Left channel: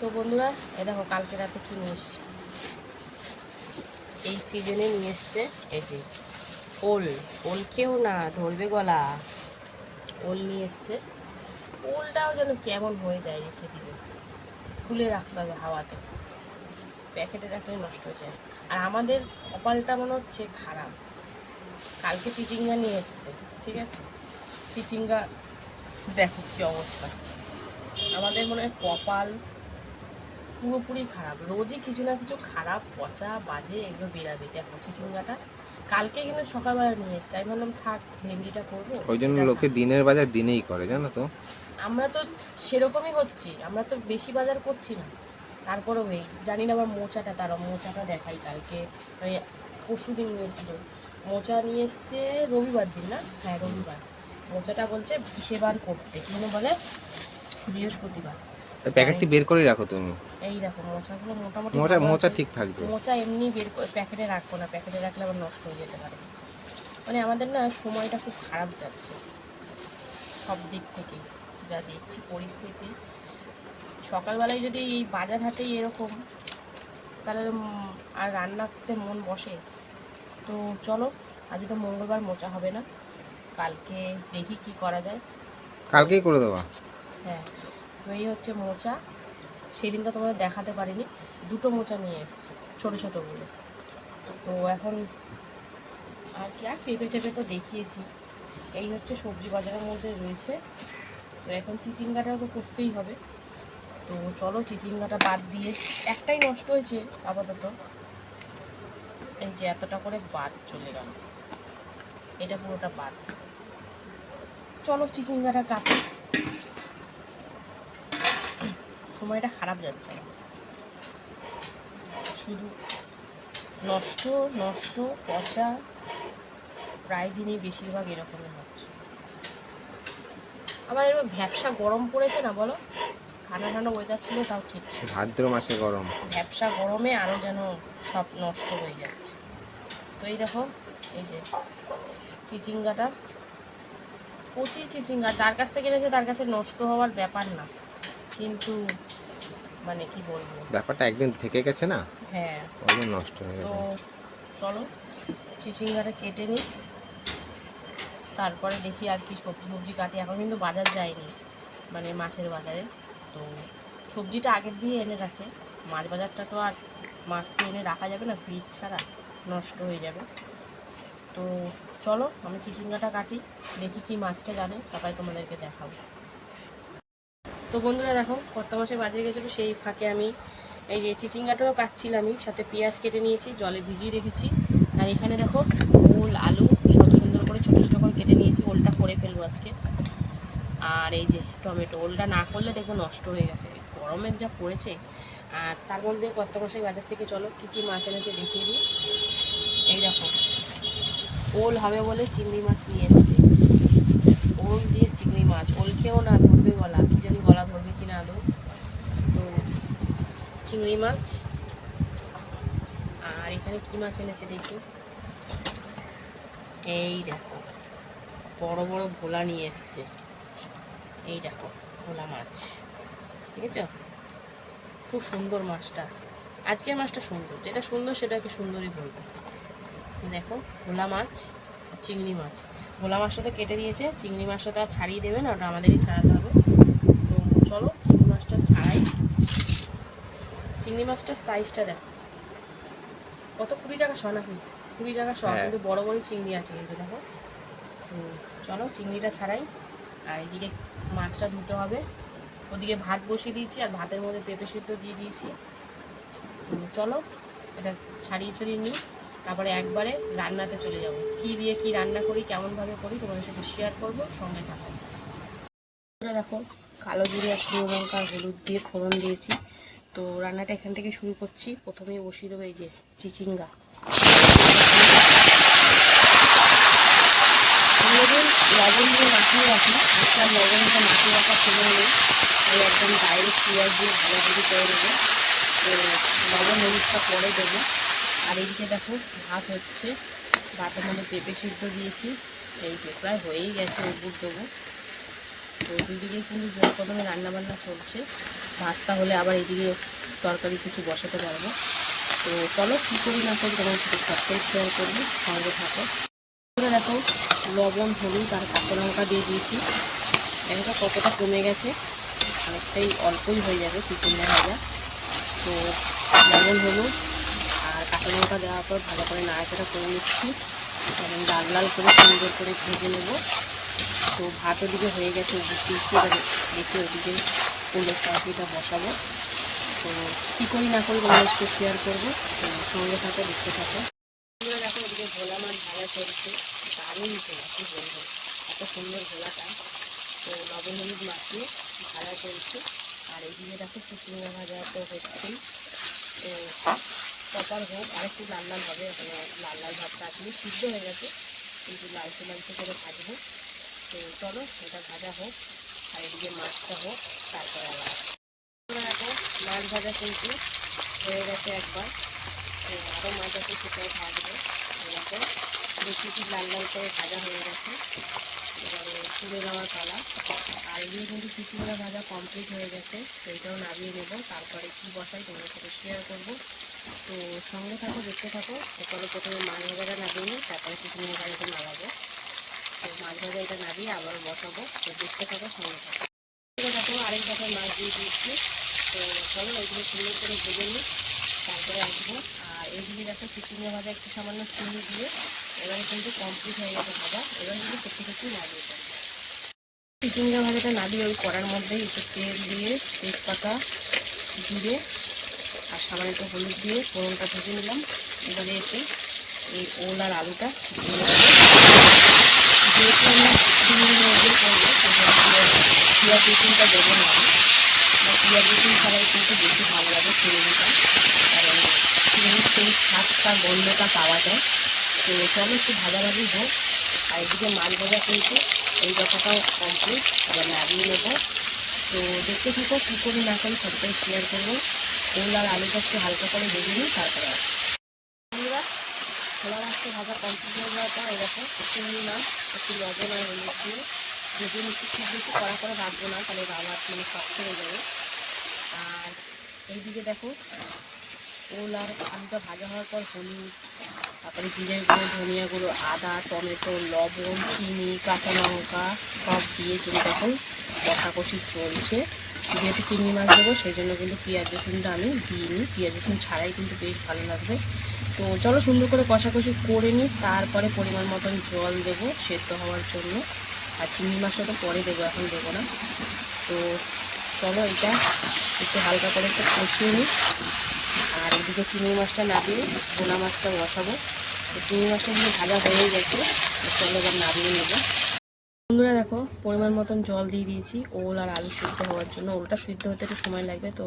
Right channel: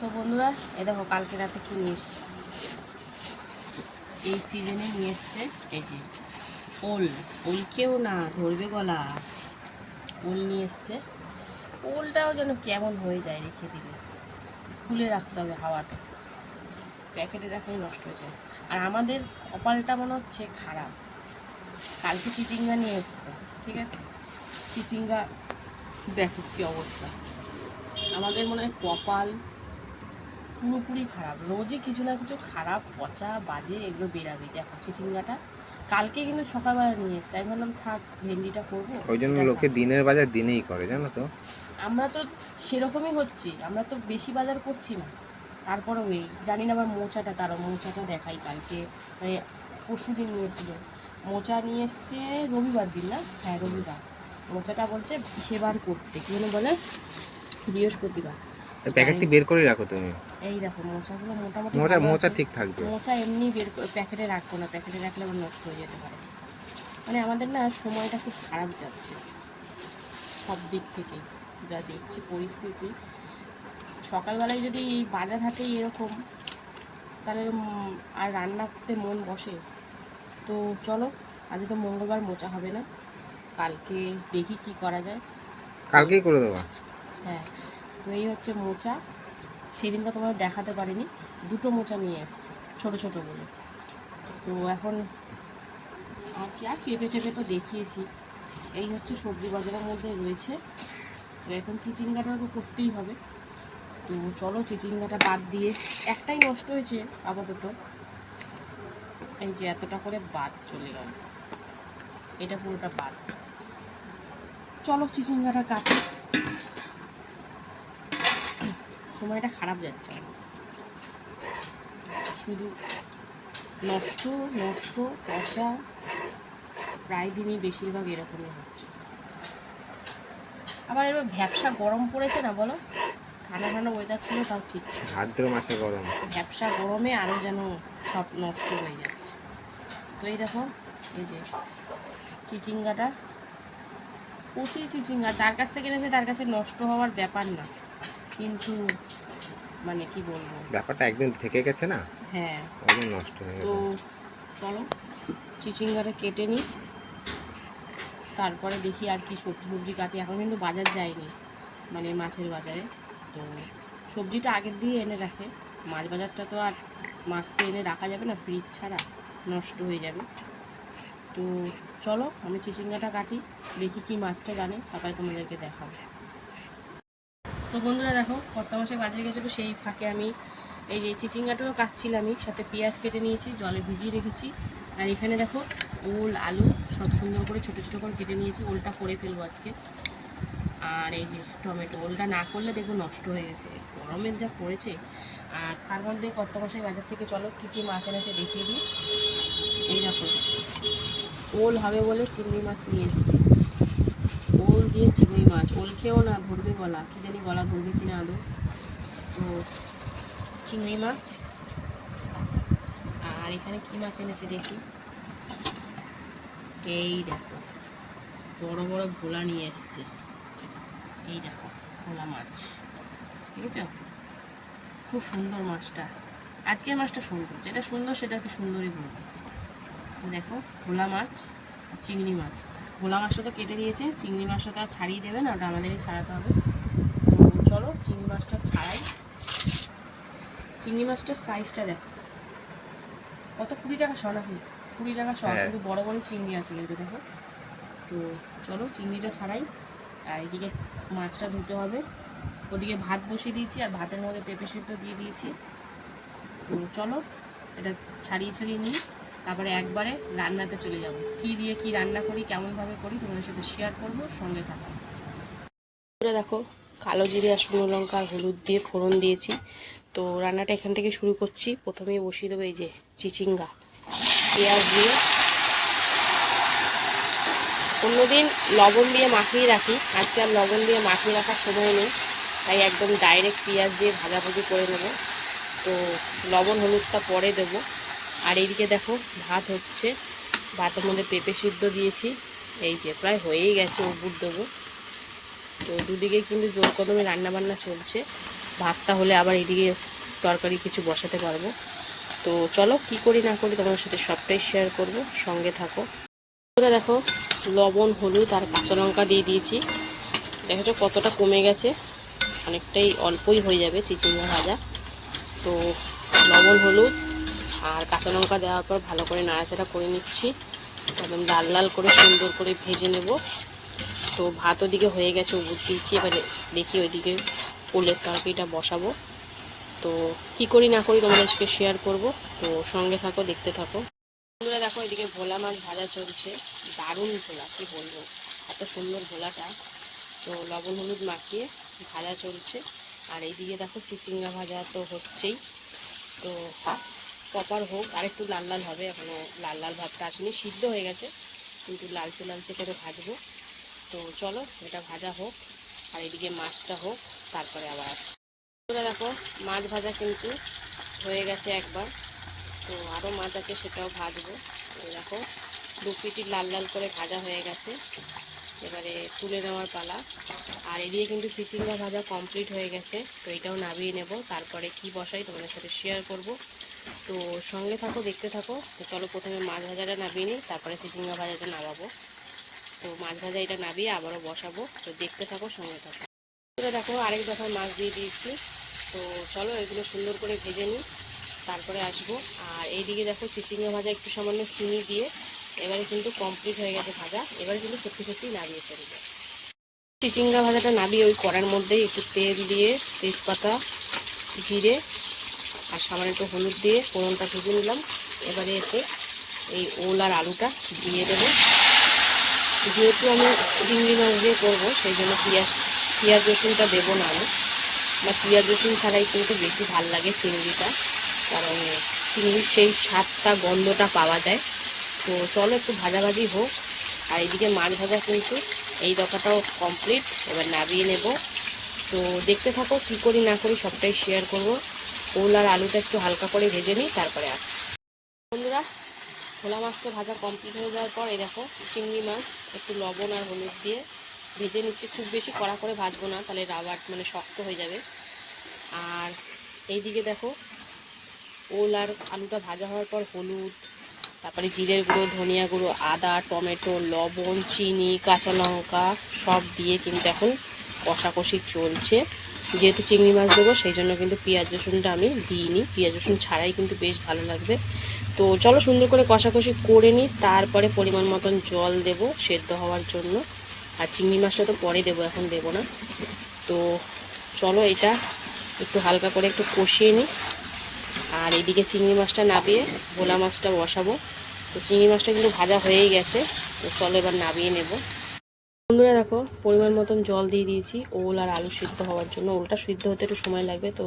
তো বন্ধুরা এ দেখো কালকে রাতে কি নিয়ে এসছে? এই সিজনে নিয়ে এসছে এই যে ওল। ওল কেউ না, ধরবে গলা। ওল নিয়ে এসছে। ওলটাও যেন কেমন হয়ে যায় রেখে দিবে খুলে রাখতে হবে হাওয়াতে। প্যাকেটে রাখলে নষ্ট হয়ে যায়। আর আমাদের কপালটা মনে হচ্ছে খারাপ। কালকে চিচিঙ্গা নিয়ে এসছে, ঠিক আছে? চিচিঙ্গা, দেখো কি অবস্থা। আমাদের মনে হয় কপাল পুরোপুরি খারাপ। রোজই কিছু না কিছু খারাপ পচা বাজে এগুলো বেরাবে। দেখো চিচিঙ্গাটা কালকে কিন্তু সকালবেলা নিয়ে এসছে। আমি ভাবলাম থাক ভেন্ডিটা করব। ওই জন্য লোকে দিনের বাজার দিনেই করে জানো তো? আমরা তো সেরকমই হচ্ছি। আমরা তো বেশি বাজার করছি না। তারপরেও এই জানি না আবার মোচাটা তারও মোচাটা দেখাই কালকে। মানে পরশু দিন নিয়ে এসেছিল। মোচা নিয়ে এসছে রবিবার দিন না? হ্যাঁ রবিবার। মোচাটা বলছে সেবার করতে। কি যেন বলে? বৃহস্পতিবার। প্যাকেটটি বের করে রাখো তুমি। এই দেখো মোচাগুলো মোটামুটি মোচা মোচা ঠিক থাকবে। মোচা এমনি বের করে প্যাকেটে রাখব না। প্যাকেটে রাখলে আবার নষ্ট হয়ে যেতে পারে। মানে আমাদের না সময়টা খুব খারাপ যাচ্ছে। সব দিক থেকেই যা দেখছি পরিস্থিতি। সকালবেলায় যদি এই বাজার হাটেই এরকম তাহলে আর রান্না করতে মন বসে তো চলো আজ তো মঙ্গলবার মোচা হবে না। কালকে দেখি কি করা যায়। কালকেই করে দেওয়া হ্যাঁ। এই হচ্ছে মোচা। সেদিনটা তোমরা দেখাতে পারিনি। দুটো মোচা নিয়ে এসছে, ছোট ছোটো বলে তো এখন আর কি, আর পেঁপে টেপে তো দেখিয়েছি। এই হচ্ছে সবজি বাজারের মধ্যে রয়েছে। তো এখন চিচিঙ্গাটাও তো করতেই হবে। তো চলো চিচিঙ্গাটা বাদ দিয়ে একটাই নষ্ট হয়েছে আপাতত। এই যে এতটা করে বাদ চলে গেল। এটা পুরোটা বাদ। চলো চিচিঙ্গাটা কাটি। সময়টা খারাপ যাচ্ছে। শুধু নষ্ট নষ্ট পচা প্রায় দিনই বেশিরভাগ এরকমই হচ্ছে। আবার এবার ভ্যাবসা গরম পড়েছে না বলো? ঠান্ডা ঠান্ডা ওয়েদার ছিল তাও ঠিক ভাদ্র মাসে গরম। ভ্যাবসা গরমে আরও যেন সব নষ্ট হয়ে যাচ্ছে। তো এই দেখো এই যে চিচিঙ্গাটা। কচি চিচিঙ্গা যার কাছ থেকে এনেছে তার কাছে নষ্ট হওয়ার ব্যাপার না। কিন্তু মানে কি বলব? ব্যাপারটা একদিন থেকে গেছে না? হ্যাঁ। জন্য নষ্ট হয়ে তো চলো চিচিঙ্গাটা কেটে নিই। তারপরে দেখি আর কি সবজি সবজি কাটি। এখন কিন্তু বাজার যায়নি মানে মাছের বাজারে। তো সবজিটা আগের দিয়ে এনে রাখে। মাছ বাজারটা তো আর মাছ তো এনে রাখা যাবে না ফ্রিজ ছাড়া নষ্ট হয়ে যাবে। তো চলো আমি চিচিঙ্গাটা কাটি দেখি কি মাছটা জানে তারপরে তোমাদেরকে দেখাবো। তো বন্ধুরা দেখো কর্তা মাসে বাজারে গেছিল সেই ফাঁকে আমি এই যে চিচিঙ্গাটাও কাটছিলামই, সাথে পেঁয়াজ কেটে নিয়েছি, জলে ভিজিয়ে রেখেছি। আর এখানে দেখো, ওল, আলু সব সুন্দর করে ছোটো ছোটো করে কেটে নিয়েছি, ওলটা করে ফেলব আজকে। আর এই যে টমেটো, ওলটা না করলে দেখো নষ্ট হয়ে গেছে, গরমের যা পড়েছে। আর তার মধ্যে বছর বাজার থেকে, চলো কী কী মাছ এনেছে দেখিয়ে দিই। এই দেখো, ওল হবে বলে চিংড়ি মাছ নিয়ে এসেছি। ওল দিয়ে চিংড়ি মাছ। ওল খেয়েও না ধরবে গলা। কী জানি গলা ধরবে কি না আদৌ। তো, চিংড়ি মাছ। আর এখানে কি মাছ এনেছে দেখি? এই দেখো, বড় বড় ভোলা নিয়ে এসছে। এই দেখো, ভোলা মাছ। ঠিক আছে খুব সুন্দর মাছটা। আজকের মাছটা সুন্দর। যেটা সুন্দর সেটাকে সুন্দরই বলব। দেখো, ভোলা মাছ চিংড়ি মাছ। ভোলা মাছটা তো কেটে দিয়েছে চিংড়ি মাছটা তো আর ছাড়িয়ে দেবে না ওটা আমাদেরই ছাড়াতে হবে। তো চলো চিংড়ি মাছটা ছাড়াই। চিংড়ি মাছটার সাইজটা দেখো। কত কুড়ি টাকা শ নাকি? কুড়ি টাকা শ হ্যাঁ। কিন্তু বড় বড় চিংড়ি আছে কিন্তু দেখো। তো চলো চিংড়িটা ছাড়াই। আর এদিকে মাছটা ধুতে হবে। ওদিকে ভাত বসিয়ে দিয়েছি আর ভাতের মধ্যে পেঁপে সিদ্ধ দিয়ে দিয়েছি। তো চলো এটা ছাড়িয়ে ছড়িয়ে নিই। তারপরে একবারে রান্নাতে চলে যাব। কি দিয়ে কি রান্না করি, কেমনভাবে করি তোমাদের সাথে শেয়ার করব, সঙ্গে থাকো। দেখো, কালো জিরে আর শুকনো লঙ্কা হলুদ দিয়ে ফোড়ন দিয়েছি। তো রান্নাটা এখান থেকে শুরু করছি। প্রথমেই বসিয়ে দেবো এই যে চিচিঙ্গা। অন্যদিন লবণ দিয়ে মাখিয়ে রাখি। আজকে আর লবণ দিয়ে মাখিয়ে রাখার সময় নেই। তাই একদম ডাইরেক্ট পেঁয়াজ দিয়ে ভাজাভাজি করে দেবো তো লবণ হলুদটা পরে দেবো। আর এইদিকে দেখো, ভাত হচ্ছে। ভাতের মধ্যে পেঁপে সিদ্ধ দিয়েছি। এই যে প্রায় হয়েই গেছে উপর দেবো। তো দুদিকে কিন্তু জোর কদমে রান্নাবান্না চলছে। ভাতটা হলে আবার এদিকে তরকারি কিছু বসাতে পারব। তো চলো, কী করি না করি তোমার সাথে সবটাই শেয়ার করব। সঙ্গে থাকো। এবার দেখো, লবণ, হলুদ আর কাঁচা লঙ্কা দিয়ে দিয়েছি। দেখো কতটা কমে গেছে। অনেকটাই অল্পই হয়ে যাবে চিচিঙ্গা ভাজা। তো লবণ, হলুদ আর কাঁচা লঙ্কা দেওয়ার পর ভালো করে নাড়াচাড়া করে নিচ্ছি। এবং লাল লাল করে সুন্দর করে ভেজে নেব। তো ভাত ওদিকে হয়ে গেছে উঠিয়েছি এবারে দেখি ওইদিকে ফুলের তরকারিটা বসাবো। তো কী করি না করি তোমাদের সাথে শেয়ার করব। তো সঙ্গে থাকো, দেখতে থাকো। বন্ধুরা দেখো এদিকে ভোলা মাছ ভাজা চলছে। দারুণ ভোলা, কী বলব? এত সুন্দর ভোলাটা। তো লবণ হলুদ মাখিয়ে ভাজা চলছে। আর এইদিকে দেখো চিচিঙ্গা ভাজা তো হচ্ছেই। তো প্রপার হোক আর একটু লাল লাল হবে, এখনও লাল লাল ভাতটা এখনই সিদ্ধ হয়ে গেছে। কিন্তু লালচে লালচে করে ভাজবো। তো চলো, এটা ভাজা হোক, আর এদিকে মাছটা হোক, তারপরে আবার তোমরা দেখো, মাছ ভাজা কিন্তু হয়ে গেছে একবার। তো আরও মাছ আছে, সেটাও ভাজবো। এরকম বেশি লাল লাল করে ভাজা হয়ে গেছে। এবারে তুলে দেওয়ার পালা। আর এদিকে কিন্তু চিচিঙ্গা ভাজা কমপ্লিট হয়ে গেছে। তো এটাও নামিয়ে নেব। তারপরে কি বসাই তোমাদের সাথে শেয়ার করব। তো সঙ্গে থাকো, দেখতে থাকো। তো চলো প্রথমে মাছ ভাজাটা নামিয়ে নিই, তারপরে চিচিঙ্গা ভাজাটা নামাবো। তো মাছ ভাজা এটা নামিয়ে আবারও বসাবো। তো দেখতে থাকো, সঙ্গে থাকো। এটা দেখো আরেক দেখায় মাছ দিয়ে দিয়েছি। তো চলো এগুলো সুন্দর করে ভেজে নিই, তারপরে আসব। আর এইদিকে দেখো চিচিঙ্গা ভাজা একটু সামান্য চিনি দিয়ে, এবারে কিন্তু কমপ্লিট হয়ে গেছে ভাজা। এবারে কিন্তু কেটে কেটে নামিয়ে ফেলব। চিচিঙ্গা ভাজাটা নামিয়ে ওই কড়ার মধ্যেই একটু তেল দিয়ে তেজপাতা, জিরে আর সামান্য একটু হলুদ দিয়ে ফোড়নটা ভেজে নিলাম। এবারে এতে এই ওল আর আলুটা দিয়ে দেবো। যেহেতু আমরা চিংড়ি মাছ দিয়ে করব, সেই জন্য পেঁয়াজ পেঁয়াজ রসুনটা দেবো না আমি। বা পেঁয়াজ রসুন ছাড়াই কিন্তু বেশি ভালো লাগে চিংড়িটা, কারণ চিংড়ির সেই স্বাদটা, গন্ধটা পাওয়া যায়। তো চলো একটু ভাজাভাজি হোক। আর এদিকে মাছ ভাজা কিন্তু এই দফাটাও কমপ্লিট এবার নামিয়ে নেব। তো দেখতে থাকো কী করি না করি সবটাই শেয়ার করব। ওল আর আলুটা একটু হালকা করে ভেজে নিই তারপরে আসি বন্ধুরা খোলা মাছটা ভাজা কমপ্লিট হয়ে যাওয়ার পর এরকম চিংড়ি মাছ, একটু লবণ আর হলুদ দিয়ে ভেজে নিচ্ছি। খুব বেশি কড়া করে ভাজবো না, তাহলে রাবার মানে শক্ত হয়ে যাবে। আর এইদিকে দেখো, ওল আর আলুটা ভাজা হওয়ার পর হলুদ তারপরে জিরের গুঁড়ো, ধনিয়া গুঁড়ো, আদা, টমেটো, লবণ, চিনি, কাঁচা লঙ্কা সব দিয়ে কিন্তু এখন কষাকষি চলছে। যেহেতু চিংড়ি মাছ দেবো, সেই জন্য কিন্তু পেঁয়াজ, রসুনটা আমি দিইনি। পেঁয়াজ, রসুন ছাড়াই কিন্তু বেশ ভালো লাগবে। তো চলো সুন্দর করে কষাকষি করে নিই, তারপরে পরিমাণ মতন জল দেব সেদ্ধ হওয়ার জন্য। আর চিংড়ি মাছটা তো পরে দেবো, এখন দেবো না। তো চলো এটা একটু হালকা করে একটু কষিয়ে নিই। আর এদিকে চিংড়ি মাছটা নামিয়ে ভোলা মাছটা বসাবো। তো চিংড়ি মাছটা কিন্তু ভাজা হয়েই গেছে, তো চলো এবার নামিয়ে নেব। বন্ধুরা দেখো, পরিমাণ মতন জল দিয়ে দিয়েছি, ওল আর আলু সিদ্ধ হওয়ার জন্য। ওলটা সিদ্ধ হতে একটু সময় লাগবে, তো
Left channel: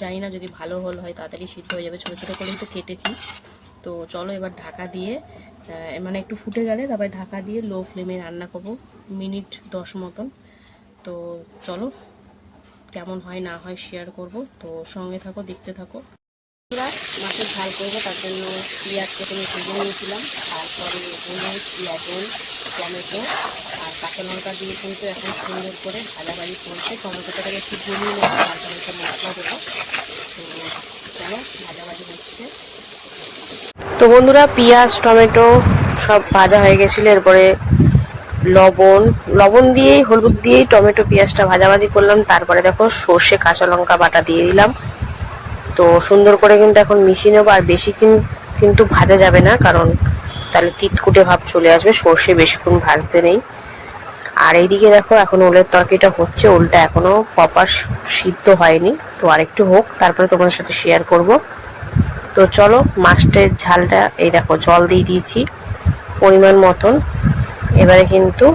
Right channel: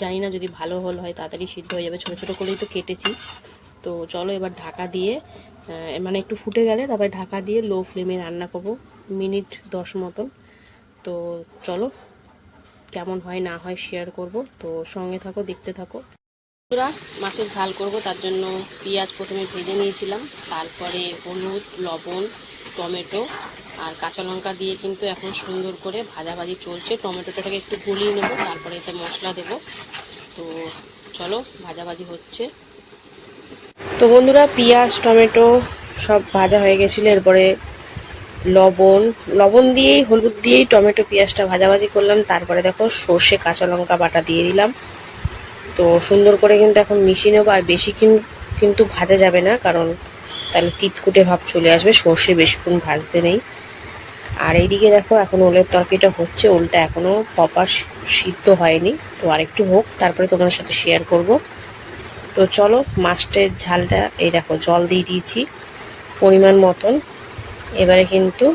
জানি না যদি ভালো হল হয় তাড়াতাড়ি সিদ্ধ হয়ে যাবে। ছোটো ছোটো করেই তো কেটেছি। তো চলো এবার ঢাকা দিয়ে মানে একটু ফুটে গেলে তারপরে ঢাকা দিয়ে লো ফ্লেমে রান্না করব, মিনিট দশ মতন। তো চলো, কেমন হয় না হয় শেয়ার করব। তো সঙ্গে থাকো, দেখতে থাকো। বন্ধুরা, মাছের ঝাল করব, তার জন্য পেঁয়াজ প্রথমে ভেজে নিয়েছিলাম, তারপরে হলুদ, লবণ, টমেটো আর কাঁচা লঙ্কা দিয়ে কিন্তু এখন সুন্দর করে ভাজাভাজি চলছে। টমেটোটাকে একটু গলিয়ে নেব, তারপরে একটা মশলা দেবো। তো চলো, ভাজাভাজি হচ্ছে। তো বন্ধুরা, পেঁয়াজ, টমেটো সব ভাজা হয়ে গেছিল। এরপরে লবণ লবণ দিয়েই, হলুদ দিয়েই টমেটো, পেঁয়াজটা ভাজাভাজি করলাম। তারপরে দেখো, সর্ষে কাঁচা লঙ্কা বাটা দিয়ে দিলাম। তো সুন্দর করে কিন্তু এখন মিশিয়ে নেব আর বেশি কিন্তু ভাজা যাবে না, কারণ তাহলে তিতকুটে ভাব চলে আসবে, সর্ষে বেশিক্ষণ ভাজতে নেই। আর এইদিকে দেখো, এখন ওলের তরকারিটা হচ্ছে, ওলটা এখনও প্রপার সিদ্ধ হয়নি। তো আরেকটু হোক, তারপরে তোমাদের সাথে শেয়ার করব। তো চলো, মাছটের ঝালটা, এই দেখো, জল দিয়ে দিয়েছি, পরিমাণ মতন। এবারে কিন্তু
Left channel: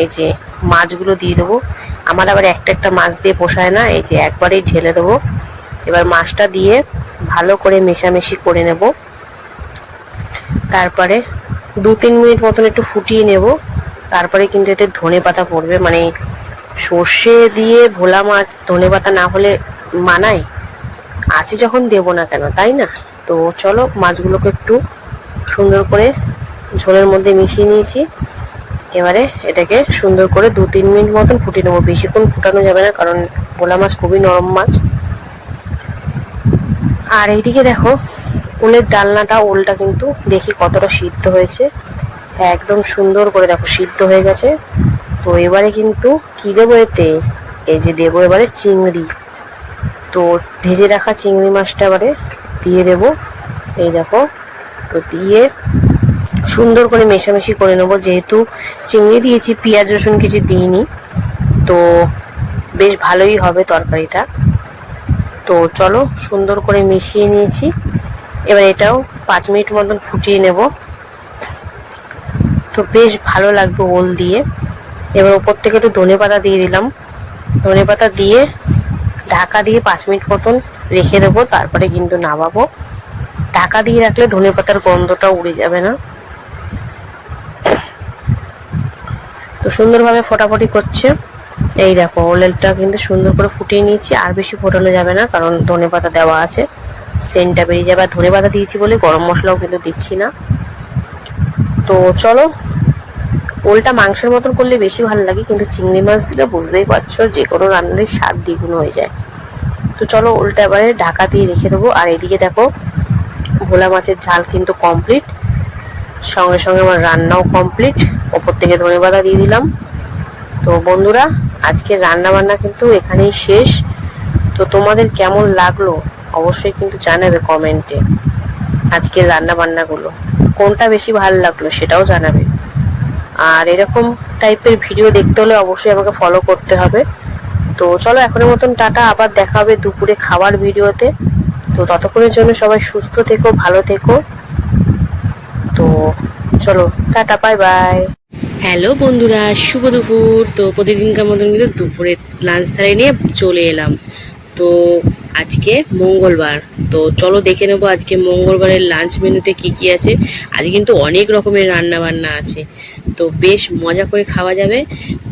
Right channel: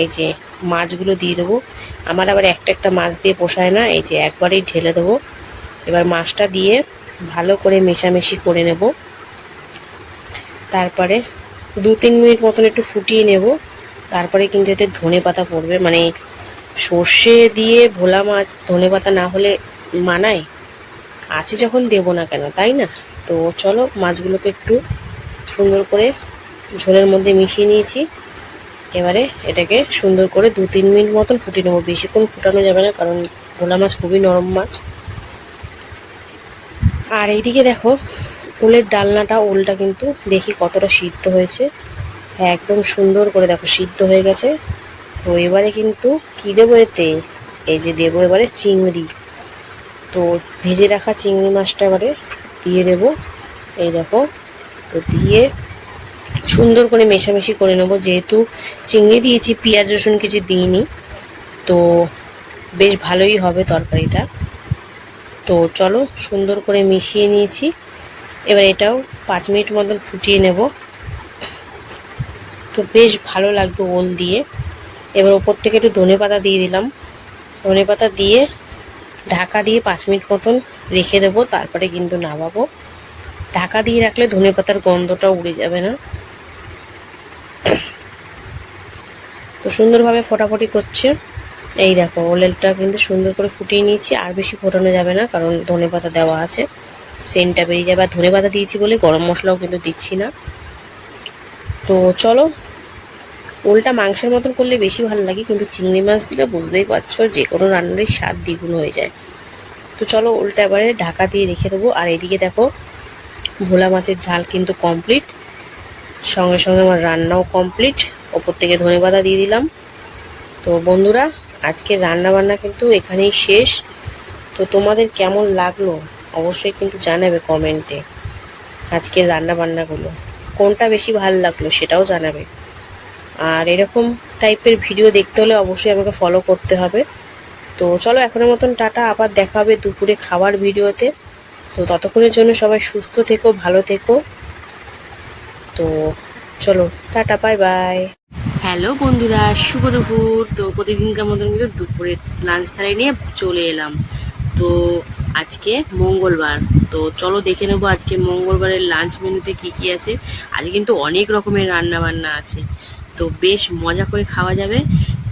এই যে মাছগুলো দিয়ে দেবো। আমার আবার একটা একটা মাছ দিয়ে পোষায় না, এই যে একবারেই ঢেলে দেবো। এবার মাছটা দিয়ে ভালো করে মেশামেশি করে নেব। তারপরে দু তিন মিনিট মতন একটু ফুটিয়ে নেব। তারপরে কিন্তু এতে ধনে পাতা পড়বে। মানে সর্ষে দিয়ে ভোলা মাছ ধনে পাতা না হলে মানায়? আছে যখন দেবো না কেন, তাই না? তো চলো মাছগুলোকে একটু সুন্দর করে ঝোলের মধ্যে মিশিয়ে নিয়েছি। এবারে এটাকে সুন্দর করে দু তিন মিনিট মতন ফুটিয়ে নেব। বেশিক্ষণ ফুটানো যাবে না, কারণ ভোলা মাছ খুবই নরম মাছ। আর এইদিকে দেখো, উলের ডালনাটা ওলটা কিন্তু দেখি কতটা সিদ্ধ হয়েছে। একদম সুন্দর করে দেখো সিদ্ধ হয়ে গেছে। তো এবারে কিন্তু কি দেবো এতে? এই যে দেবো এবারে চিংড়ি। তো ভেজে রাখা চিংড়ি মাছটা এবারে দিয়ে দেবো। এই দেখো, তো দিয়ে সুন্দর করে মেশামেশি করে নেব। যেহেতু চিংড়ি দিয়েছি, পেঁয়াজ রসুন কিছু দিইনি, তো বেশ ভালোই হবে তরকারিটা। তো চলো সুন্দর করে মিশিয়ে নিয়েছি। এবার এটাও পাঁচ মিনিট মতন ফুটিয়ে নেব। তো বেশ ভালো লাগবে ওল দিয়ে। এবার ওপর থেকে একটু ধনে পাতা দিয়ে দিলাম। ধনে পাতা দিয়ে ঢাকা দিয়ে পাঁচ মিনিট মতন রেখে দেবো, তারপরে কিন্তু নামাবো। ঢাকা দিয়ে রাখলে ধনে পাতার গন্ধটা উড়ে যাবে না। তো সুন্দরভাবে ফোটাফুটি করছে। এই দেখো ওলেলটা কিন্তু সুন্দর করে ফুটিয়ে নিয়েছি, আর বেশি ফোটানো যাবে না, কারণ ধনে পাতা দেওয়া আছে। সেন্টটা বেরিয়ে যাবে, আর ধনে পাতা দিয়েছি বলে গরম মশলাও কিন্তু দিচ্ছি না। তো চলো, ওলটা মাংসের মতন করলে বেশি ভালো লাগে, কিন্তু চিংড়ি মাছ দিলে বুঝতেই পারছ যে কোনো রান্নারই স্বাদ দ্বিগুণ হয়ে যায়। তো চলো ওলটা এবারে ঢাকা দিয়ে রেখে দেবো, আর এদিকে দেখো ভোলা মাছের ঝাল কিন্তু কমপ্লিট সঙ্গে সঙ্গে আমার রান্নাও কমপ্লিট ওপর থেকে ধনে পাতা দিয়ে দিলাম। তো বন্ধুরা আজকে রান্না বান্না কিন্তু এখানেই শেষ। তো তোমাদের কেমন লাগল অবশ্যই কিন্তু জানাবে কমেন্টে আজকের রান্না বান্নাগুলো কোনটা বেশি ভালো লাগল সেটাও জানাবে। আর এরকম টাইপের ভিডিও দেখতে হলে অবশ্যই আমাকে ফলো করতে হবে। তো চলো এখনের মতন টাটা, আবার দেখা হবে দুপুরে খাবার ভিডিওতে। তো ততক্ষণের জন্য সবাই সুস্থ থেকো, ভালো থেকো। তো চলো, টাটা বাই বাই হ্যালো বন্ধুরা, শুভ দুপুর। তো প্রতিদিনকার মতন কিন্তু দুপুরে লাঞ্চ থালায় নিয়ে চলে এলাম। তো আজকে মঙ্গলবার। তো চলো দেখে নেব আজকে মঙ্গলবারের লাঞ্চ মেনুতে কি কি আছে। আজ কিন্তু অনেক রকমের রান্না বান্না আছে। তো বেশ মজা করে খাওয়া যাবে।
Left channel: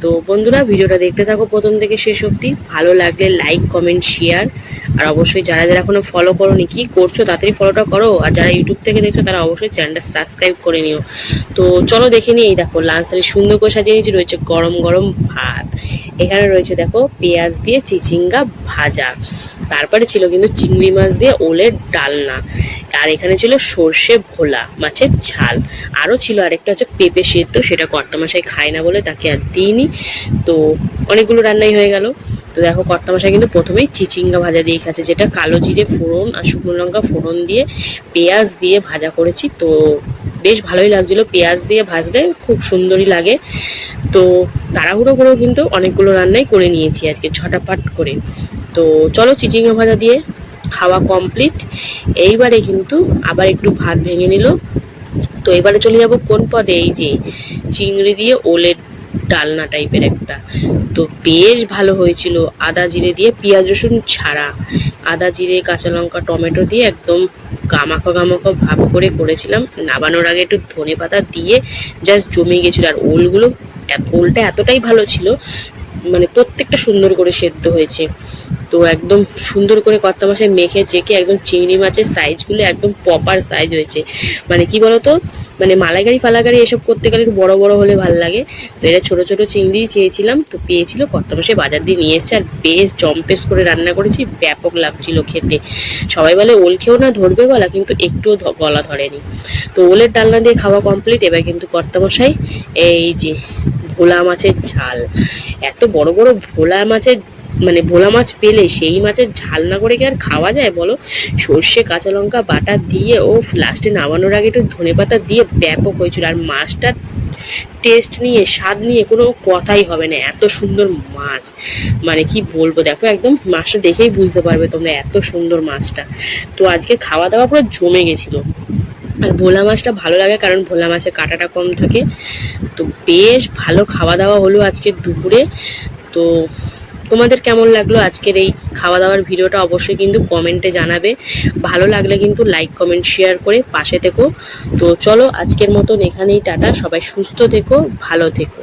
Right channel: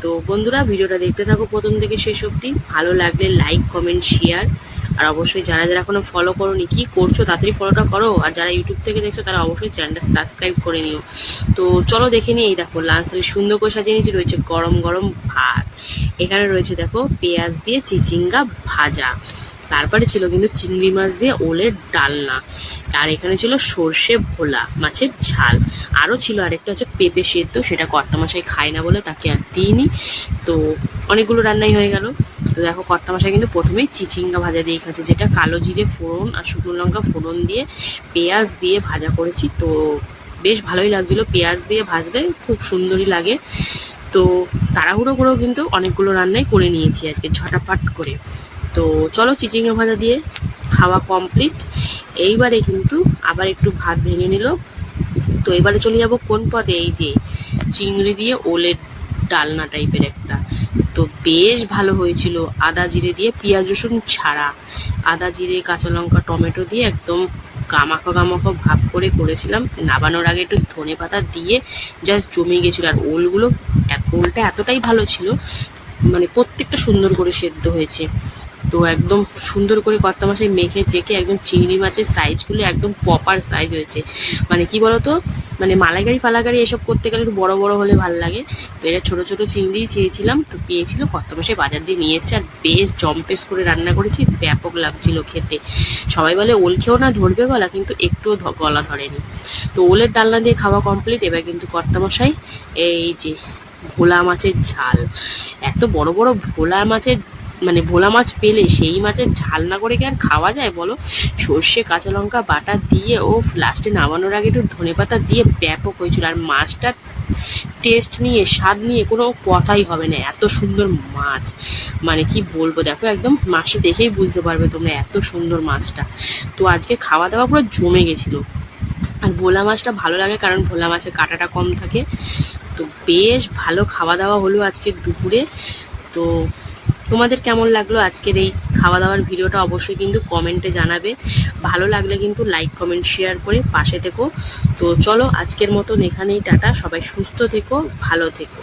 তো বন্ধুরা, ভিডিওটা দেখতে থাকো প্রথম থেকে শেষ অবধি। ভালো লাগলে লাইক কমেন্ট শেয়ার আর অবশ্যই যারা যারা এখনও ফলো করোনি, কি করছ? তাড়াতাড়ি ফলোটা করো। আর যারা ইউটিউব থেকে দেখছ, তারা অবশ্যই চ্যানেলটা সাবস্ক্রাইব করে নিও। তো চলো দেখে নিই, এই দেখো লাঞ্চারে সুন্দর করে সাজিয়ে নিয়েছি, রয়েছে গরম গরম ভাত। এখানে রয়েছে, দেখো, পেঁয়াজ দিয়ে চিচিঙ্গা ভাজা। তারপরে ছিল কিন্তু চিংড়ি মাছ দিয়ে ওলের ডালনা। আর এখানে ছিল সর্ষে ভোলা মাছের ঝাল। আরও ছিল আরেকটা হচ্ছে পেঁপে সেদ্ধ, সেটা কর্তামশাই খায় না বলে তাকে আর দিইনি। তো অনেকগুলো রান্নাই হয়ে গেল। তো দেখো কর্তামশাই কিন্তু প্রথমেই চিচিঙ্গা ভাজা দিয়ে খাচ্ছে, যেটা কালো জিরে ফোড়ন আর শুকনো লঙ্কা ফোড়ন দিয়ে পেঁয়াজ দিয়ে ভাজা করেছি। তো বেশ ভালোই লাগছিল পেঁয়াজ দিয়ে ভাজলে, খুব সুন্দরই লাগে। তো তাড়াহুড়ো করেও কিন্তু অনেকগুলো রান্নাই করে নিয়েছি আজকে ঝটাপাট করে। তো চলো চিচিঙ্গা ভাজা দিয়ে খাওয়া কমপ্লিট এইবারে কিন্তু আবার একটু ভাত ভেঙে নিল। তো এবারে চলে যাব কোন পদে? এই যে চিংড়ি দিয়ে ওলের ডালনা টাইপের একটা। তো বেশ ভালো হয়েছিল। আদা জিরে দিয়ে পেঁয়াজ রসুন ছাড়া। আদা জিরে, কাঁচা লঙ্কা, টমেটো দিয়ে একদম গামাখো গামাখো ভাব করে করেছিলাম। নাবানোর আগে একটু ধনে পাতা দিয়ে জাস্ট জমে গেছিল। আর ওলগুলো ওলটা এতটাই ভালো ছিল মানে প্রত্যেকটা সুন্দর করে সেদ্ধ হয়েছে। তো একদম সুন্দর করে কর্তা মাসে মেখে চেকে একদম চিংড়ি মাছের সাইজগুলো একদম প্রপার সাইজ হয়েছে। মানে কি বলতো? মানে মালাইকারি ফালাকারি এসব করতে গেলে একটু বড় বড় হলে ভালো লাগে। তো এটা ছোট ছোট চিংড়ি চেয়েছিলাম, তো পেয়েছিল। কর্তা মাসে বাজার দিয়ে নিয়ে এসেছে আর বেশ জম্পেস করে রান্না করেছি, ব্যাপক লাগছিল খেতে। সবাই বলে, ওল খেয়েও না ধরবে গলা, কিন্তু একটুও গলা ধরেনি। তো ওলের ডালনা দিয়ে খাওয়া কমপ্লিট এবার কিন্তু কর্তামশাই এই যে ভোলা মাছের ঝাল। এত বড় বড় ভোলা মাছের মানে ভোলা মাছ পেলে সেই মাছের ঝাল না করে কি আর খাওয়া যায় বলো? সর্ষে, কাঁচা লঙ্কা, বাটা দিয়ে ও লাস্টে নামানোর আগে একটু ধনে পাতা দিয়ে ব্যাপক হয়েছিল। আর মাছটা টেস্ট নিয়ে, স্বাদ নিয়ে কোনো কথাই হবে না। এত সুন্দর মাছ। মানে কি বলব, দেখো একদম মাছটা দেখেই বুঝতে পারবে তোমরা এত সুন্দর মাছটা। তো আজকে খাওয়া দাওয়া পুরো জমে গেছিল। আর ভোলা মাছটা ভালো লাগে কারণ ভোলা মাছের কাঁটাটা কম থাকে। তো বেশ ভালো খাওয়া দাওয়া হলো আজকে দুপুরে। তো তোমাদের কেমন লাগল আজকের এই খাওয়া দাওয়ার ভিডিওটা অবশ্যই কিন্তু কমেন্টে জানাবে। ভালো লাগলে কিন্তু লাইক, কমেন্ট, শেয়ার করে পাশে থেকো। তো চলো আজকের মতন এখানেই টাটা। সবাই সুস্থ থেকো, ভালো থেকো।